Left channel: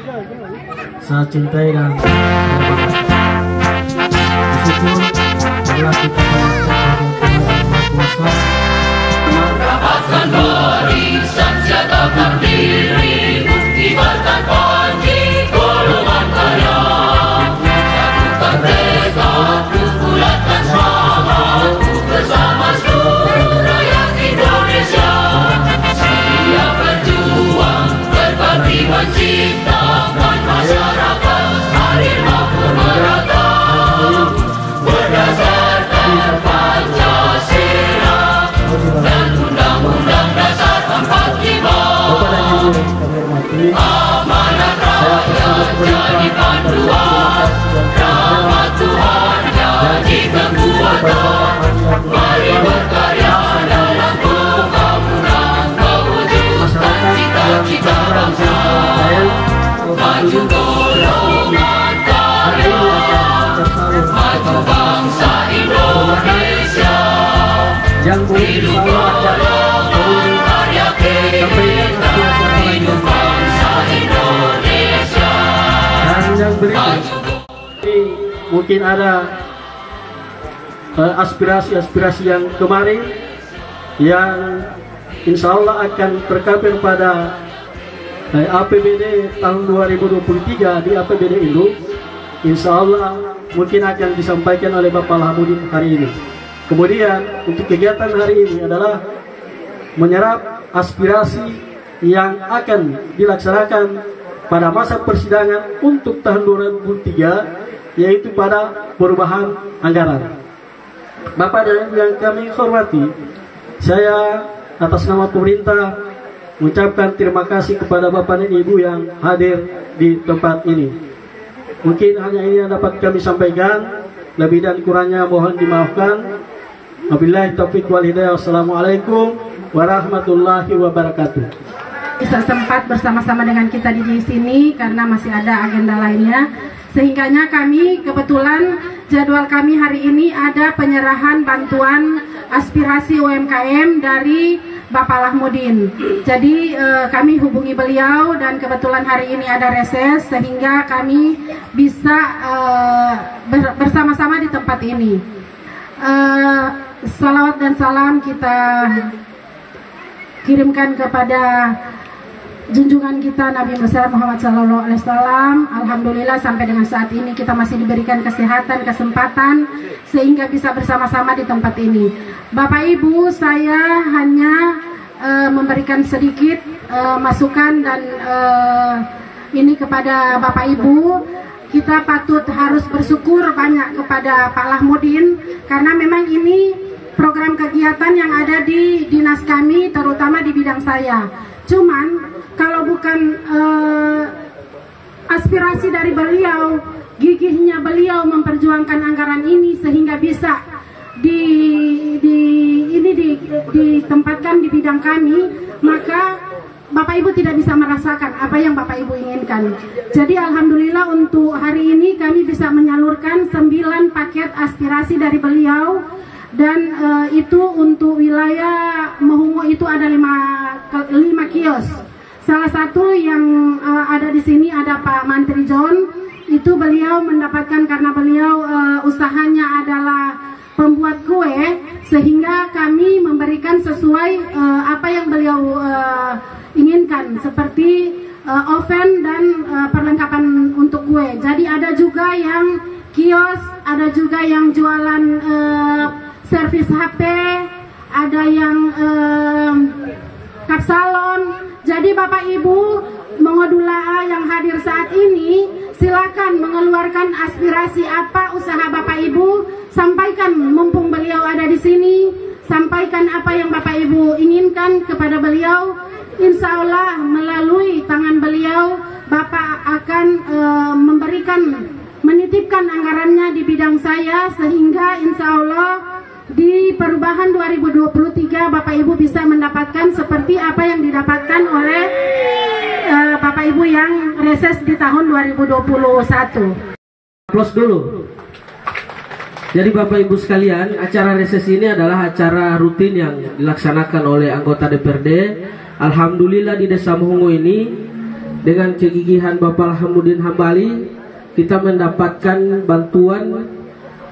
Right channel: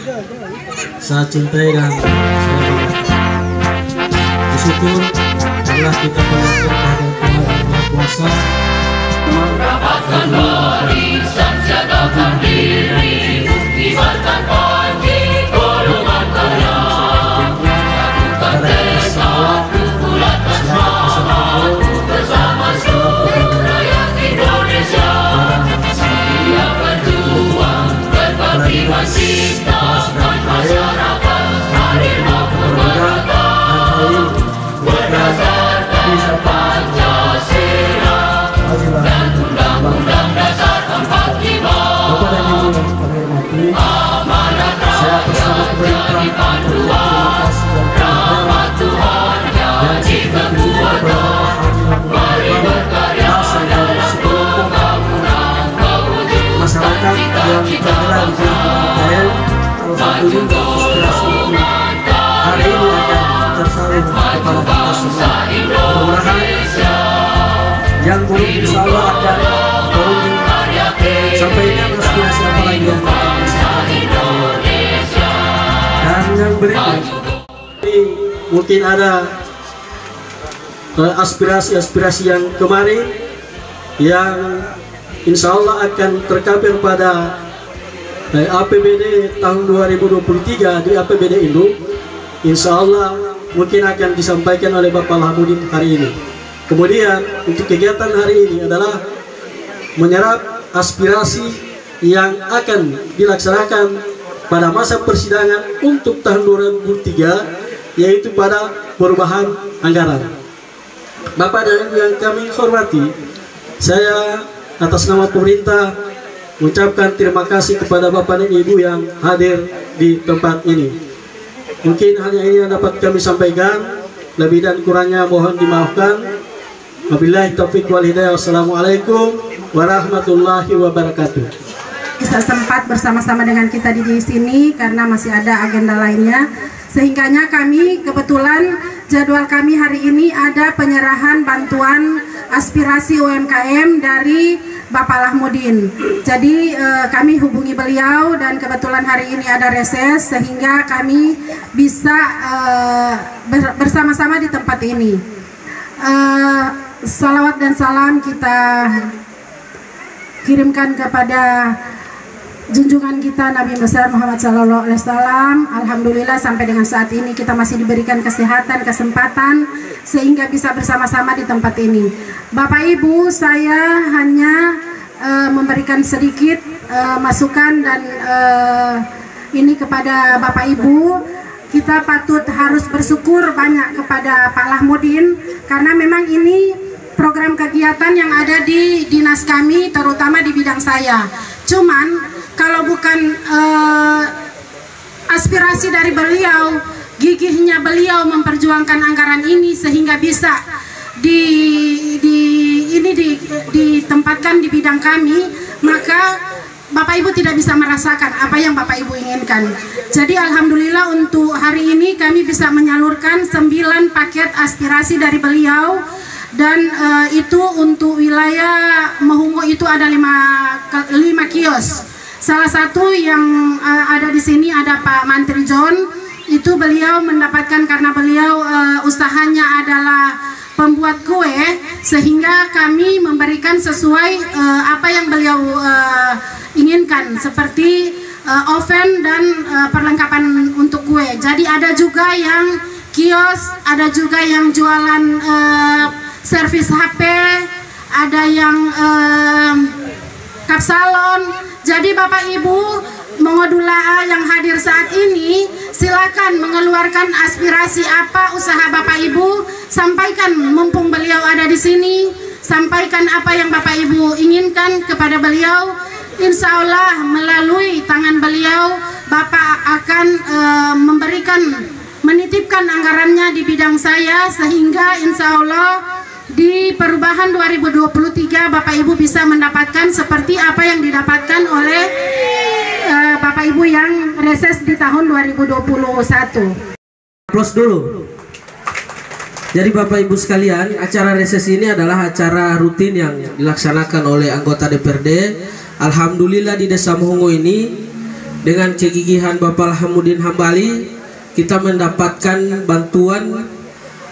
saya cintai dan saya bersyukur karena kita melakukan Tuhan yang Maha Kuasa. Mendapatkan barisan siagakan diri, ibaratkan panji golongan kaya, satukan tekadku, bulatkan semangatku bersama seluruh rakyat Indonesia. Siap berjuang berbagi cinta dan masyarakat harimau merata berdasarkan Pancasila dan Undang-Undang Dasar 45. Amanat rakyat jadi panduan, rahmat Tuhan jadi kekuatan, mari berkarya dalam pembangunan mewujudkan cita-cita bangsa. Maju golongan kaya, maju bangsa Indonesia. Yang buruk insya Allah ada sampaikan aspirasi Indonesia. Dan yang berikut ini mungkin ada aspirasi-aspirasi yang kemarin yang insya Allah akan terkabir pada APBD tahun 2023 di APBD Induk. Insya Allah mungkin akan disampaikan oleh Bapak Lahamudin hari ini. Kemudian untuk kegiatan hari ini adalah menyerap aspirasi yang akan dilaksanakan pada masa persidangan untuk tahun 2023, yaitu pada perubahan anggaran. Bapak dan Ibu yang kami hormati, saya atas nama pemerintah mengucapkan terima kasih kepada Bapak dan Ibu yang hadir di tempat ini. Mungkin hanya ini yang dapat kami sampaikan, lebih dan kurangnya mohon dimaafkan. Wabillahi taufiq wal hidayah. Wassalamualaikum warahmatullahi wabarakatuh. Bisa sempat bersama-sama dengan kita di sini karena masih ada agenda lainnya. Sehingganya kami kebetulan jadwal kami hari ini ada penyerahan bantuan aspirasi UMKM dari Bapak Lahamudin. Jadi kami hubungi beliau dan kebetulan hari ini ada reses sehingga kami bisa bersama-sama di tempat ini. Salawat dan salam kita kirimkan kepada junjungan kita Nabi besar Muhammad SAW. Alhamdulillah sampai dengan saat ini kita masih diberikan kesehatan, kesempatan sehingga bisa bersama-sama di tempat ini. Bapak Ibu, saya hanya memberikan sedikit masukan dan ini kepada Bapak Ibu. Kita patut harus bersyukur banyak kepada Pak Lahamudin karena memang ini program kegiatan yang ada di dinas kami, terutama di bidang saya. Cuman kalau bukan aspirasi dari beliau, gigihnya beliau memperjuangkan anggaran ini sehingga bisa ditempatkan di bidang kami, maka Bapak Ibu tidak bisa merasakan apa yang Bapak Ibu inginkan. Jadi alhamdulillah untuk hari ini kami bisa menyalurkan 9 paket aspirasi dari beliau. Dan itu untuk wilayah Mahungo itu ada 5 kios. Salah satu yang ada di sini ada Pak Mantri John. Itu beliau mendapatkan karena beliau usahanya adalah pembuat kue, sehingga kami memberikan sesuai apa yang beliau inginkan, seperti oven dan perlengkapan untuk kue. Jadi ada juga yang kios, ada juga yang jualan servis HP, ada yang kapsalon. Jadi Bapak Ibu mengodula yang hadir saat ini, silakan mengeluarkan aspirasi apa usaha Bapak Ibu, sampaikan mumpung beliau ada di sini, sampaikan apa yang Bapak Ibu inginkan kepada beliau. Insya Allah melalui tangan beliau Bapak akan menitipkan anggarannya di bidang saya, sehingga insya Allah di perubahan 2023 Bapak Ibu bisa mendapatkan seperti apa yang didapatkan oleh Bapak Ibu yang reses di tahun 2021. Aplaus dulu. Jadi Bapak Ibu sekalian, acara reses ini adalah acara rutin yang dilaksanakan oleh anggota DPRD. Alhamdulillah di Desa Mahungo ini dengan kegigihan Bapak Lahamuddin Hambali, kita mendapatkan bantuan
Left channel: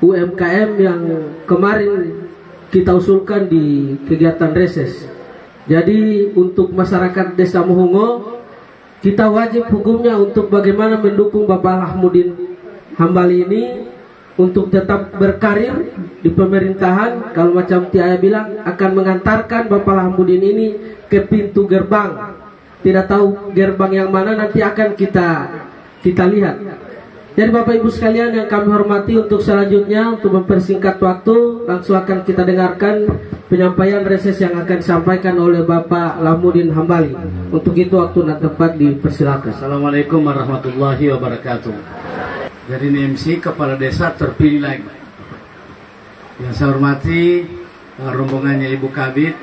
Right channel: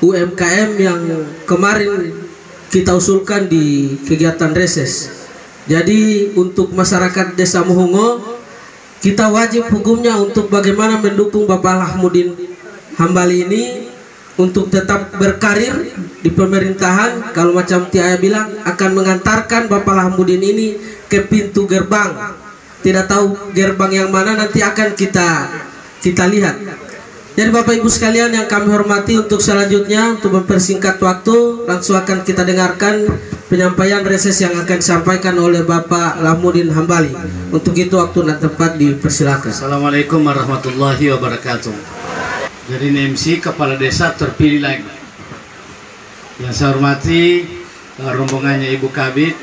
UMKM yang kemarin kita usulkan di kegiatan reses. Jadi untuk masyarakat Desa Muhungo, kita wajib hukumnya untuk bagaimana mendukung Bapak Lahamuddin Hambali ini untuk tetap berkarir di pemerintahan. Kalau macam Tiaya bilang, akan mengantarkan Bapak Lahamuddin ini ke pintu gerbang. Tidak tahu gerbang yang mana, nanti akan kita lihat. Jadi Bapak Ibu sekalian yang kami hormati, untuk selanjutnya untuk mempersingkat waktu, langsung akan kita dengarkan penyampaian reses yang akan disampaikan oleh Bapak Lahamuddin Hambali. Untuk itu waktu dan tempat dipersilakan. Assalamualaikum warahmatullahi wabarakatuh. Jadi MC Kepala Desa terpilih lagi. Yang saya hormati rombongannya Ibu Kabid,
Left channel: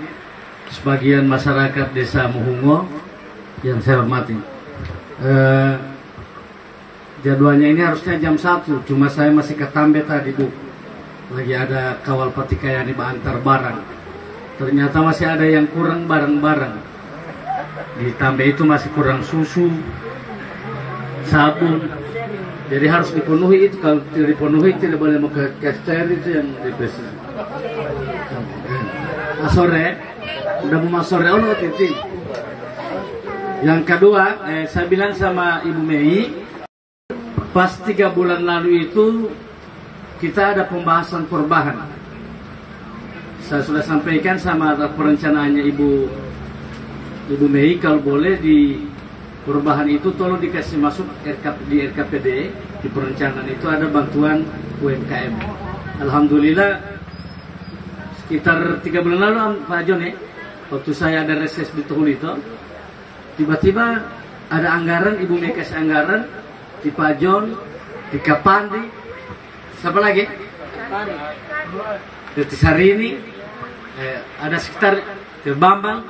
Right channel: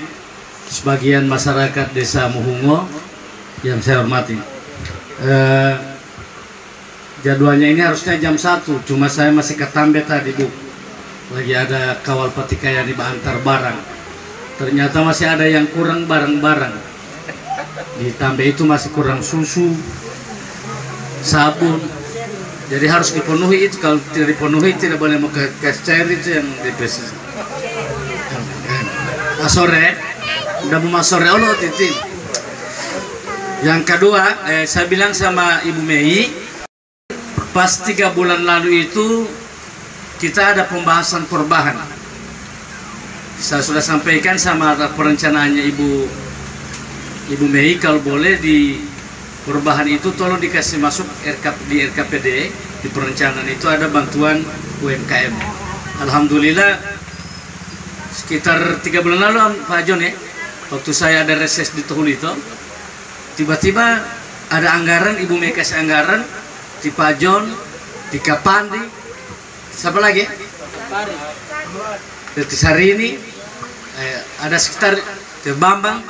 sebagian masyarakat Desa Muhungo yang saya hormati. Jadwalnya ini harusnya jam 1, cuma saya masih ketambe tadi Bu. Lagi ada kawal patikaya di antar barang. Ternyata masih ada yang kurang barang-barang. Di Tambe itu masih kurang susu, sabun. Jadi harus dipenuhi itu. Kalau tidak dipenuhi tidak boleh mau ke cair itu yang dipesan. Sore, udah mau sore Allah titik. Yang kedua, saya bilang sama Ibu Mei, pas 3 bulan lalu itu kita ada pembahasan perubahan. Saya sudah sampaikan sama perencanaannya Ibu Mei, kalau boleh di perubahan itu tolong dikasih masuk di RKPD, di perencanaan itu ada bantuan UMKM. Alhamdulillah sekitar 3 bulan lalu Pak John ya, waktu saya ada reses di Tuhul itu, tiba-tiba ada anggaran, Ibu Mei kasih anggaran di Pak John, di Kapandi, siapa lagi? Di hari ini ada sekitar Teh Bambang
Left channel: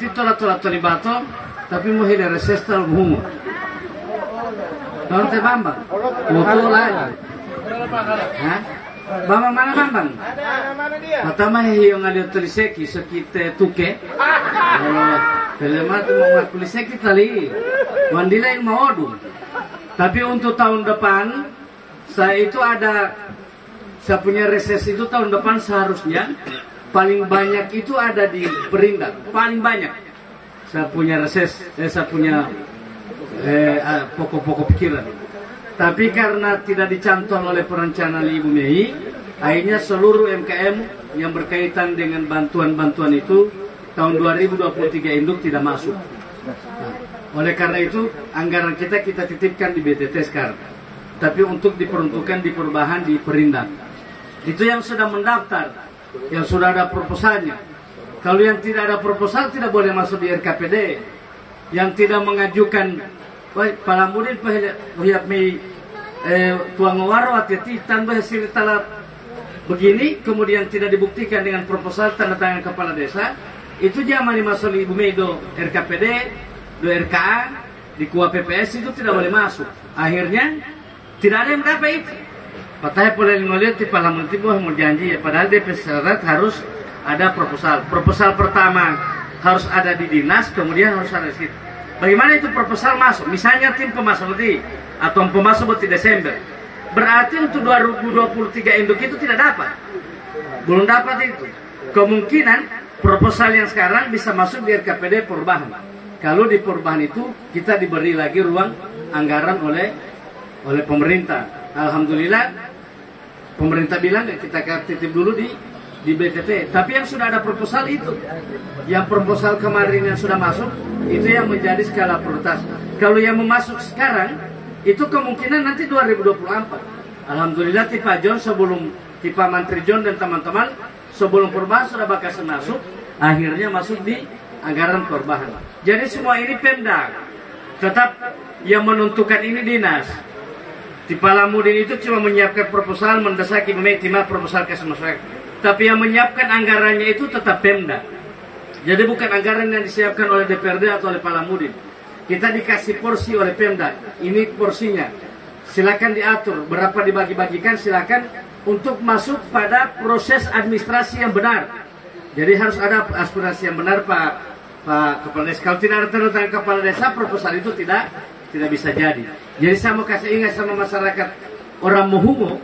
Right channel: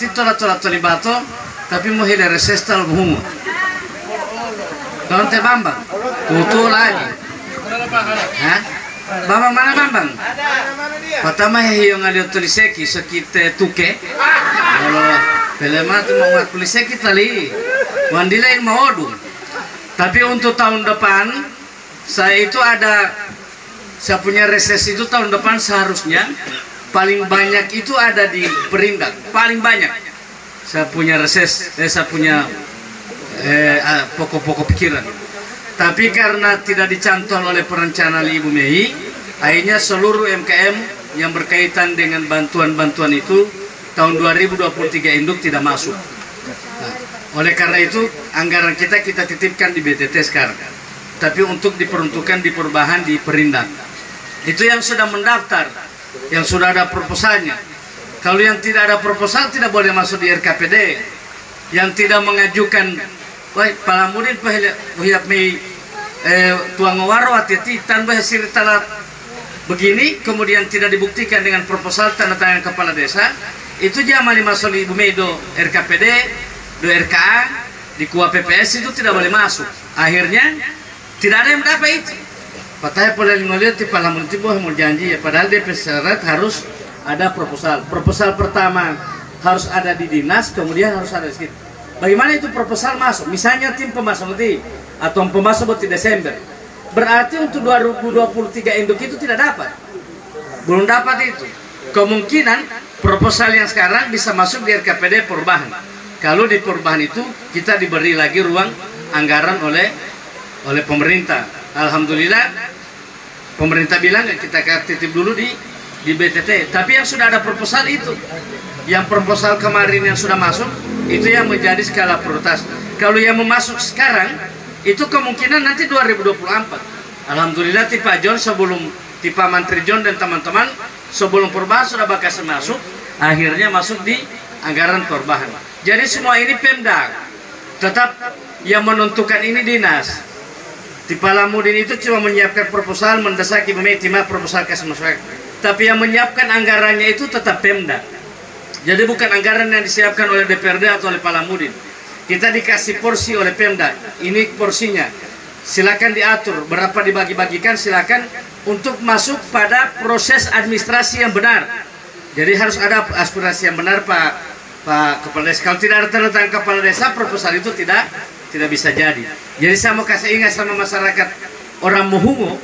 itu tola bato, tapi mau hidar reses tal Muhungo. Kalau Teh Bambang, tutu lagi. Hah? Bambang mana Bambang? Pertama yang ada tuliseki sekite tuke. Kalau pelema tu mau tuliseki tali, mandila yang mau odung. Tapi untuk tahun depan saya itu saya punya reses itu tahun depan seharusnya paling banyak itu ada di Perindak, paling banyak saya punya reses, saya punya pokok-pokok pikiran. Tapi karena tidak dicantol oleh perencanaan Ibu Mei, akhirnya seluruh MKM yang berkaitan dengan bantuan-bantuan itu tahun 2023 induk tidak masuk. Nah, oleh karena itu anggaran kita titipkan di BTT sekarang, tapi untuk diperuntukkan di perubahan di Perindak. Itu yang sudah mendaftar, yang sudah ada proposalnya. Kalau yang tidak ada proposal tidak boleh masuk di RKPD. Yang tidak mengajukan, baik Palamuddin pahilap Mei tuang waro hati-hati tanpa hasil talat begini, kemudian tidak dibuktikan dengan proposal tanda tangan kepala desa, itu jangan masuk di Ibu Mei do RKPD, do RKA, di KUA PPS itu tidak boleh masuk. Akhirnya tidak ada yang dapat itu. Patahnya boleh ngelihat di Palamuddin itu mau janji ya, padahal dia syarat harus ada proposal. Proposal pertama harus ada di dinas, kemudian harus ada di. Bagaimana itu proposal masuk? Misalnya tim pemasok di atau pemasok di Desember, berarti untuk 2023 induk itu tidak dapat, belum dapat itu. Kemungkinan proposal yang sekarang bisa masuk di RKPD perubahan. Kalau di perubahan itu kita diberi lagi ruang anggaran oleh pemerintah. Alhamdulillah pemerintah bilang kita titip dulu di BTT. Tapi yang sudah ada proposal itu, yang proposal kemarin yang sudah masuk itu yang menjadi skala prioritas. Kalau yang memasuk sekarang itu kemungkinan nanti 2024. Alhamdulillah Tipa John sebelum Tipa Menteri John dan teman-teman sebelum perubahan sudah bakal masuk, akhirnya masuk di anggaran perubahan. Jadi semua ini Pemda, tetap yang menentukan ini dinas. Di Palamuddin itu cuma menyiapkan proposal, mendesak Ibu Mei timah proposal kasih masyarakat. Tapi yang menyiapkan anggarannya itu tetap Pemda. Jadi bukan anggaran yang disiapkan oleh DPRD atau oleh Palamuddin. Kita dikasih porsi oleh Pemda. Ini porsinya. Silakan diatur berapa dibagi-bagikan, silakan untuk masuk pada proses administrasi yang benar. Jadi harus ada aspirasi yang benar Pak Pak Kepala Desa. Kalau tidak ada tanda tangan Kepala Desa, proposal itu tidak bisa jadi. Jadi saya mau kasih ingat sama masyarakat orang Muhungo,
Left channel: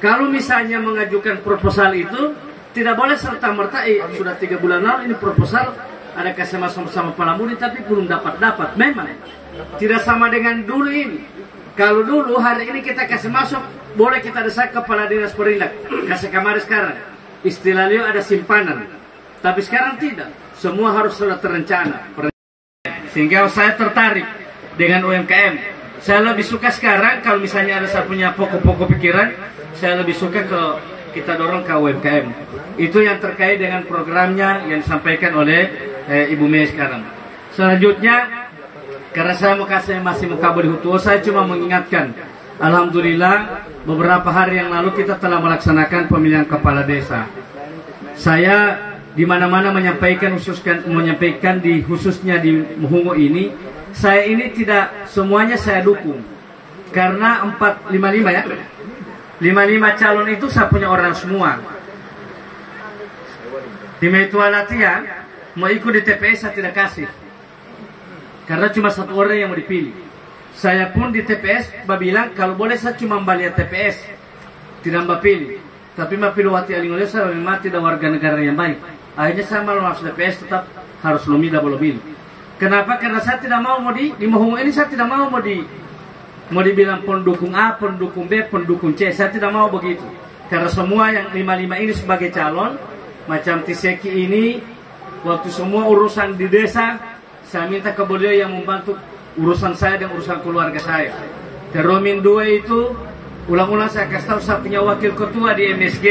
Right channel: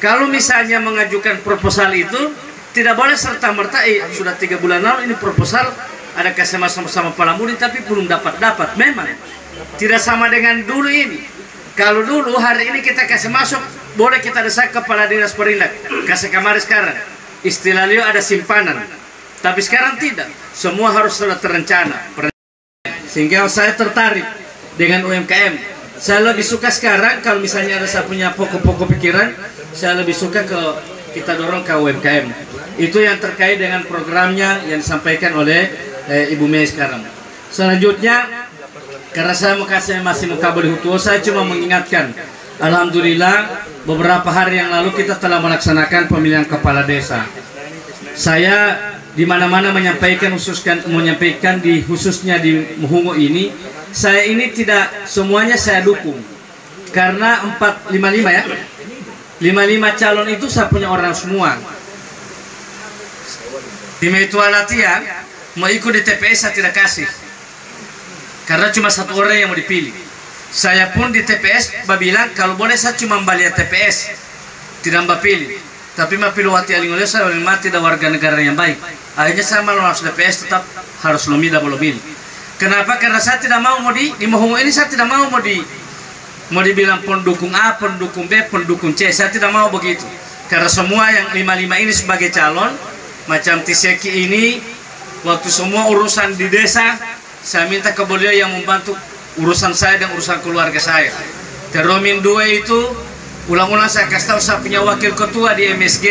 kalau misalnya mengajukan proposal itu tidak boleh serta-merta sudah 3 bulan lalu ini proposal ada kasih sama Palamudi tapi belum dapat. Memang tidak sama dengan dulu ini. Kalau dulu hari ini kita kasih masuk, boleh kita desak Kepala Dinas Perindak, kasih kamar sekarang. Istilahnya ada simpanan. Tapi sekarang tidak. Semua harus sudah terencana. Sehingga saya tertarik dengan UMKM. Saya lebih suka sekarang kalau misalnya ada saya punya pokok-pokok pikiran, saya lebih suka kita dorong ke UMKM. Itu yang terkait dengan programnya yang disampaikan oleh Ibu Mei sekarang. Selanjutnya, karena saya masih mengkabari Hutuo, saya cuma mengingatkan, alhamdulillah beberapa hari yang lalu kita telah melaksanakan pemilihan kepala desa. Saya di mana-mana menyampaikan khususnya di Muhungo ini, saya ini tidak semuanya saya dukung. Karena 55 ya. 55 calon itu saya punya orang semua. Di Metua latihan mau ikut di TPS saya tidak kasih. Karena cuma 1 orang yang mau dipilih. Saya pun di TPS bilang kalau boleh saya cuma balik TPS, tidak mbak pilih. Tapi mbak pilih wati alingoleh saya mati tidak warga negara yang baik. Akhirnya saya malu masuk TPS tetap harus lumida boleh pilih. Kenapa? Karena saya tidak mau di Muhungo ini saya tidak mau dibilang pendukung A, pendukung B, pendukung C. Saya tidak mau begitu. Karena semua yang 55 ini sebagai calon, macam Tiseki ini, waktu semua urusan di desa, saya minta ke beliau yang membantu urusan saya dan urusan keluarga saya. Teromin 2 itu, ulang-ulang saya kasih tahu saya punya wakil ketua di MSG.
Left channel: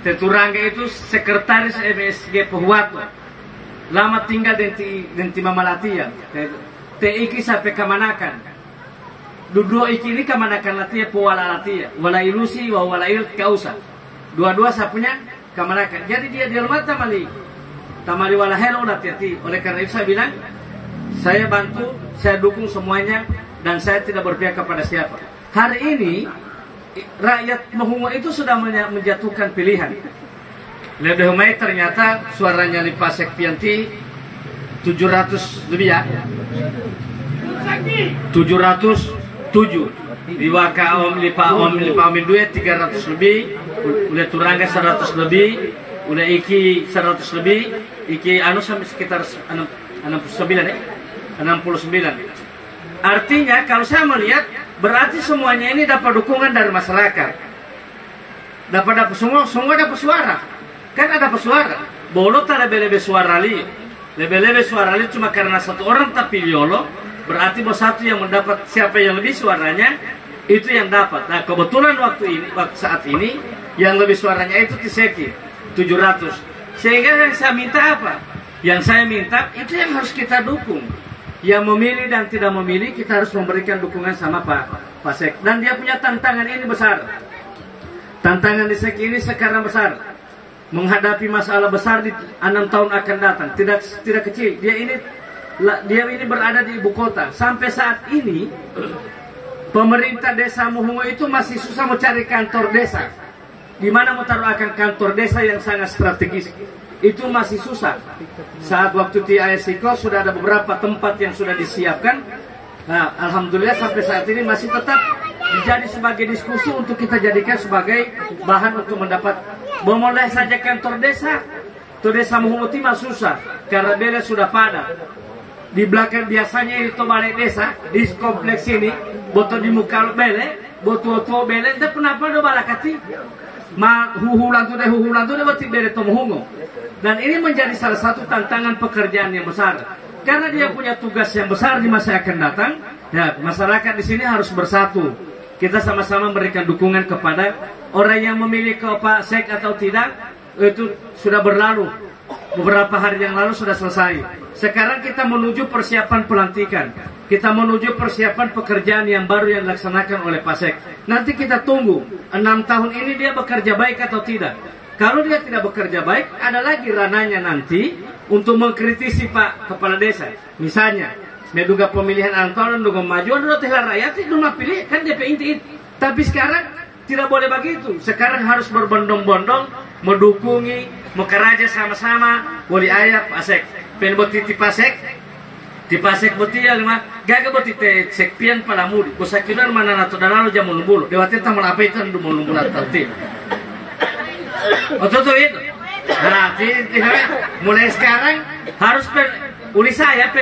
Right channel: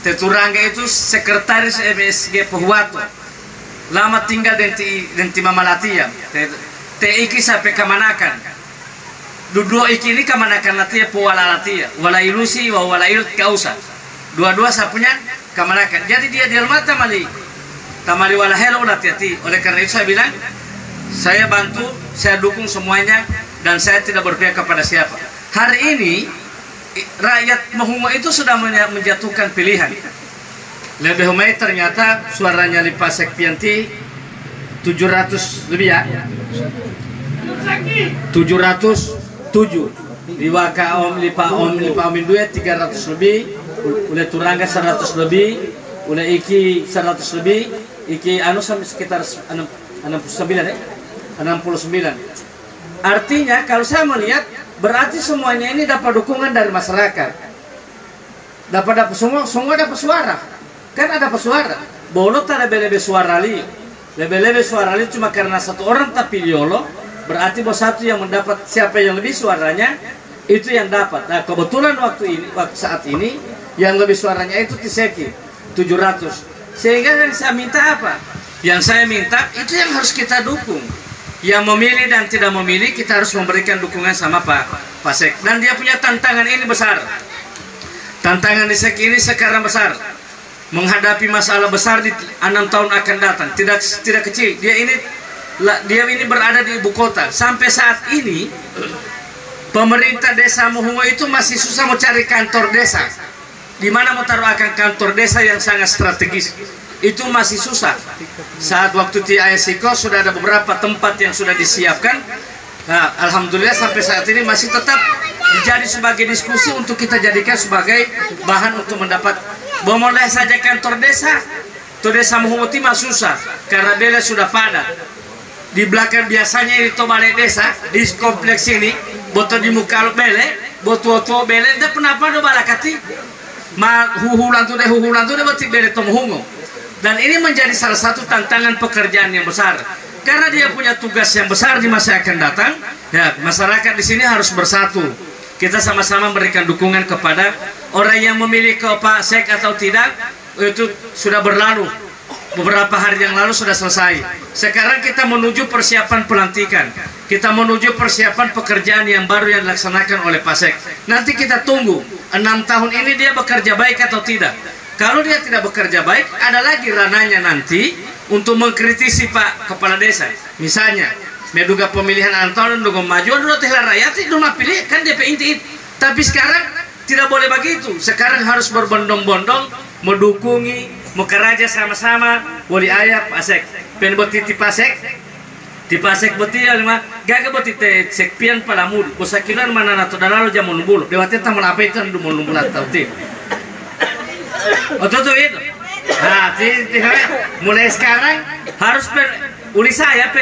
Teturangga itu sekretaris MSG Pohuwato. Lama tinggal di Mama Latia. Iki sampai Kamanakan. Dua iki ini Kamanakan Latia, Powala Latia. Wala ilusi, wala il kausa. Dua-dua saya punya Kamanakan. Jadi dia di rumah tamali wala helo Latiati. Oleh karena itu saya bilang, saya bantu, saya dukung semuanya, dan saya tidak berpihak kepada siapa. Hari ini rakyat Muhungo itu sudah menjatuhkan pilihan. Lebih baik ternyata suaranya Lipa Sekpianti 700 lebih ya. 707. Liwaka Lipa Om 2 300 lebih. Udah Turangga 100 lebih. Udah Iki 100 lebih. Iki sekitar 69 ya. 69. Artinya kalau saya melihat berarti semuanya ini dapat dukungan dari masyarakat. Dapat semua dapat suara. Kan ada pesuara. Bolot ada lebih suara li. Lebih suara li cuma karena 1 orang tapi liolo, berarti bos 1 yang mendapat siapa yang lebih suaranya itu yang dapat. Nah, kebetulan waktu saat ini yang lebih suaranya itu Tiseki 700. Sehingga yang saya minta apa? Yang saya minta itu yang harus kita dukung. Yang memilih dan tidak memilih kita harus memberikan dukungan sama Pak Sek. Dan dia punya tantangan ini besar. Tantangan di Sek ini sekarang besar. Menghadapi masalah besar di 6 tahun akan datang. Tidak kecil. Dia ini berada di ibu kota. Sampai saat ini pemerintah desa Muhungo itu masih susah mencari kantor desa. Di mana mau taruh akan kantor desa yang sangat strategis. Itu masih susah. Saat waktu di Ayasiko sudah ada beberapa tempat yang sudah disiapkan. Nah, alhamdulillah sampai saat ini masih tetap dijadi sebagai diskusi untuk kita jadikan sebagai bahan untuk mendapat. Boleh saja kantor desa. Tuh desa Muhungo mah susah karena bela sudah padat. Di belakang biasanya itu balai desa di kompleks ini, botol di muka bele, botol bele, dan kenapa do balakati? Huhulan tuh deh boti bele to Muhungo. Dan ini menjadi salah satu tantangan pekerjaan yang besar. Karena dia punya tugas yang besar di masa akan datang. Ya, masyarakat di sini harus bersatu. Kita sama-sama memberikan dukungan kepada orang yang memilih ke Pak Sek atau tidak. Itu sudah berlalu. Beberapa hari yang lalu sudah selesai. Sekarang kita menuju persiapan pelantikan. Kita menuju persiapan pekerjaan yang baru yang dilaksanakan oleh Pak Sek. Nanti kita tunggu 6 tahun ini dia bekerja baik atau tidak. Kalau dia tidak bekerja baik, ada lagi ranahnya nanti untuk mengkritisi Pak Kepala Desa. Misalnya, menduga pemilihan 6 tahun untuk maju, dulu tehlah rakyat itu pilih kan DP inti. Tapi sekarang tidak boleh begitu. Sekarang harus berbondong-bondong, mendukungi, mengkeraja sama-sama, wali ayah Pak Sek. pen boti tipasek boti yang mah gaga boti te sekpian pada mud kusakiran mana nato dalalo jamun bulu dewate tamal apa itu ndu mun bulat tauti ototo itu nah mulai sekarang harus uli saya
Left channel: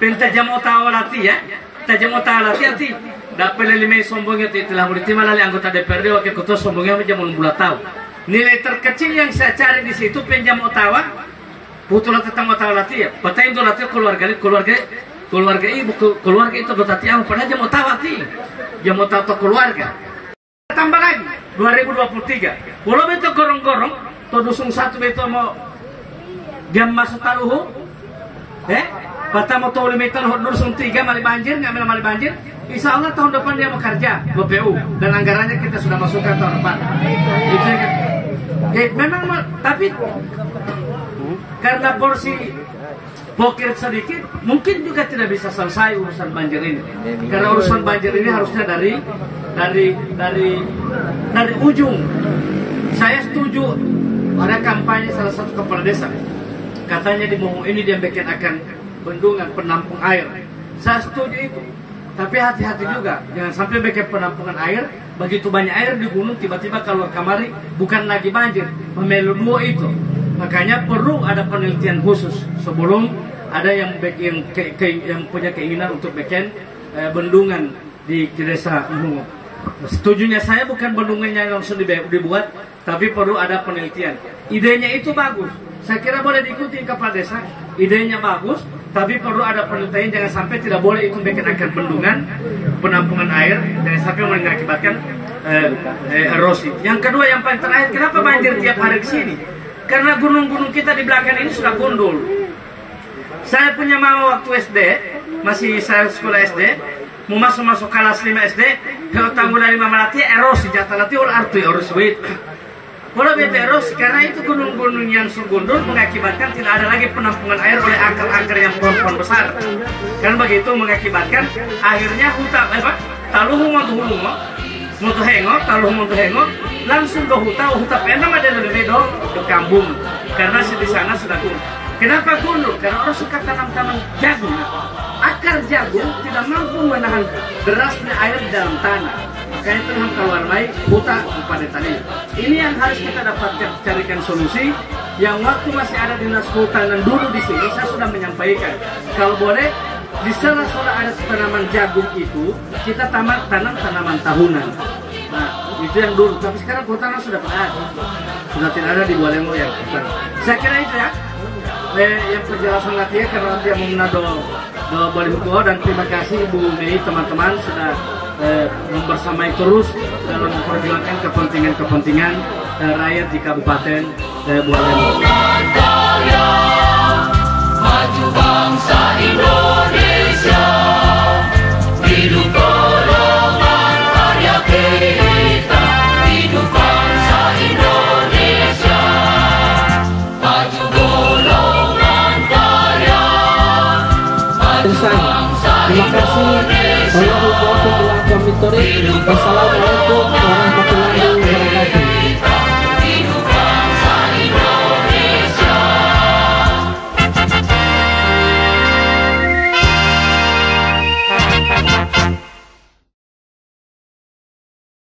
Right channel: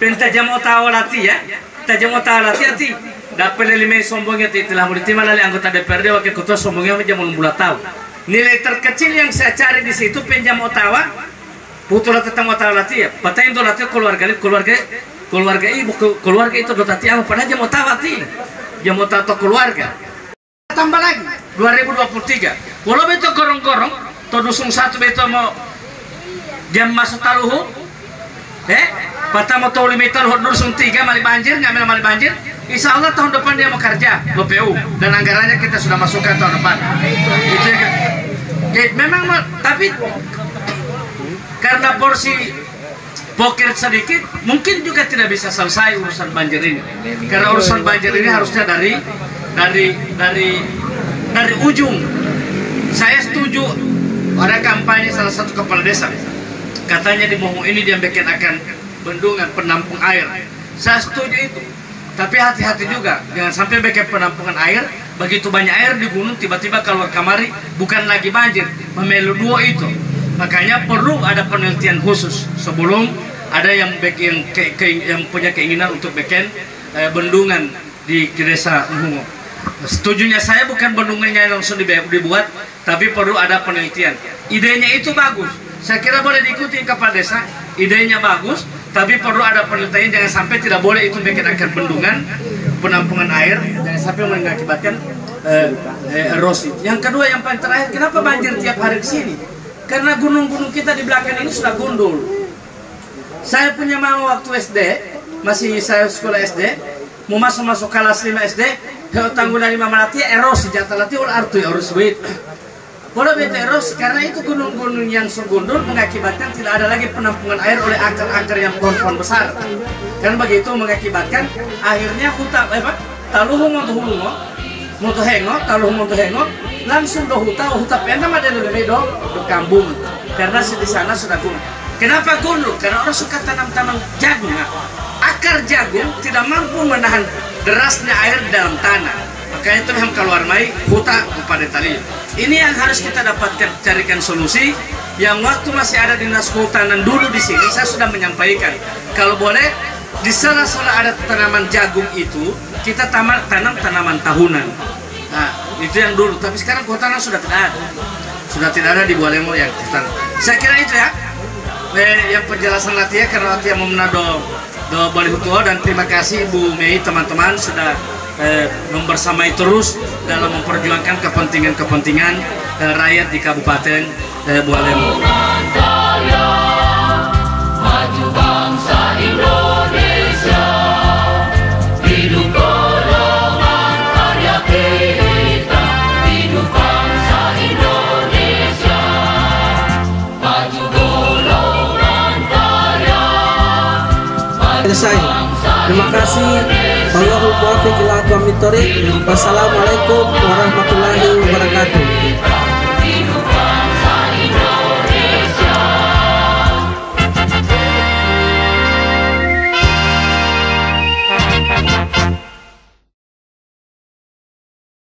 penta jamo tawa lati ya tajamo tawa lati ati dapat lima sombongnya telah mulai lali anggota DPRD wakil ketua sombongnya jamun bulat tahu nilai terkecil yang saya cari di situ penjamo tawa putu lati tamu tawa lati ya patai itu lati keluarga itu dotati anu pada jamo tawa ti jamo tawa keluarga tambah lagi 2023 walau beto gorong-gorong to dusung satu beto mau jam masuk taluhu patama to 5 meter dusung 3 mali banjir ngambil mali banjir insya Allah tahun depan dia mau kerja BPU dan anggarannya kita sudah masukkan tahun depan itu memang tapi karena porsi pokir sedikit mungkin juga tidak bisa selesai urusan banjir ini karena urusan banjir ini harusnya dari ujung. Saya setuju ada kampanye salah satu kepala desa katanya di Momo ini dia bikin akan bendungan penampung air. Saya setuju itu tapi hati-hati juga jangan sampai bikin penampungan air begitu banyak air di gunung tiba-tiba keluar kamari bukan lagi banjir memelu dua itu. Makanya perlu ada penelitian khusus sebelum ada yang yang punya keinginan untuk bikin bendungan di desa Mungo. Setujunya saya bukan bendungannya langsung dibuat, tapi perlu ada penelitian. Idenya itu bagus. Saya kira boleh diikuti kepala desa. Idenya bagus, tapi perlu ada penelitian. Jangan sampai tidak boleh itu bikin akan bendungan penampungan air, jangan sampai mengakibatkan erosi. Yang kedua yang paling terakhir, kenapa banjir tiap hari di sini? Karena gunung-gunung kita di belakang ini sudah gundul. Saya punya mama waktu SD, masih saya sekolah SD, mau masuk kelas 5 SD, kalau tanggulan 5 malati erosi jatah lati ul artu erosi wait. Kalau beta erosi karena itu gunung-gunung yang surgundul mengakibatkan tidak ada lagi penampungan air oleh akar-akar yang pohon besar. Kan begitu mengakibatkan akhirnya hutan taluhu mau hengok, taluhu mau hengok langsung ke hutan penam ada lebih do berkambung karena di sana sudah gundul. Kenapa gundul? Karena orang suka tanam jagung. Akar jagung tidak mampu menahan derasnya air di dalam tanah. Makanya itu ham keluar mai hutan pada tali. Ini yang harus kita dapatkan carikan solusi. Yang waktu masih ada dinas kehutanan dulu di sini saya sudah menyampaikan kalau boleh di sana-sana ada tanaman jagung itu kita tanam tanaman tahunan. Nah, itu yang dulu. Tapi sekarang kehutanan sudah tidak ada di Bualemo yang hutan. Saya kira itu ya. Yang penjelasan latihan karena latihan memenado do Bali Hutua dan terima kasih Bu Mei teman-teman sudah membersamai terus dalam memperjuangkan kepentingan rakyat di Kabupaten Bualemo. Maju bangsa Indonesia, hidup golongan karya kita, hidup bangsa Indonesia, maju golongan karya. Selesai. Terima kasih. Wassalamualaikum warahmatullahi wabarakatuh.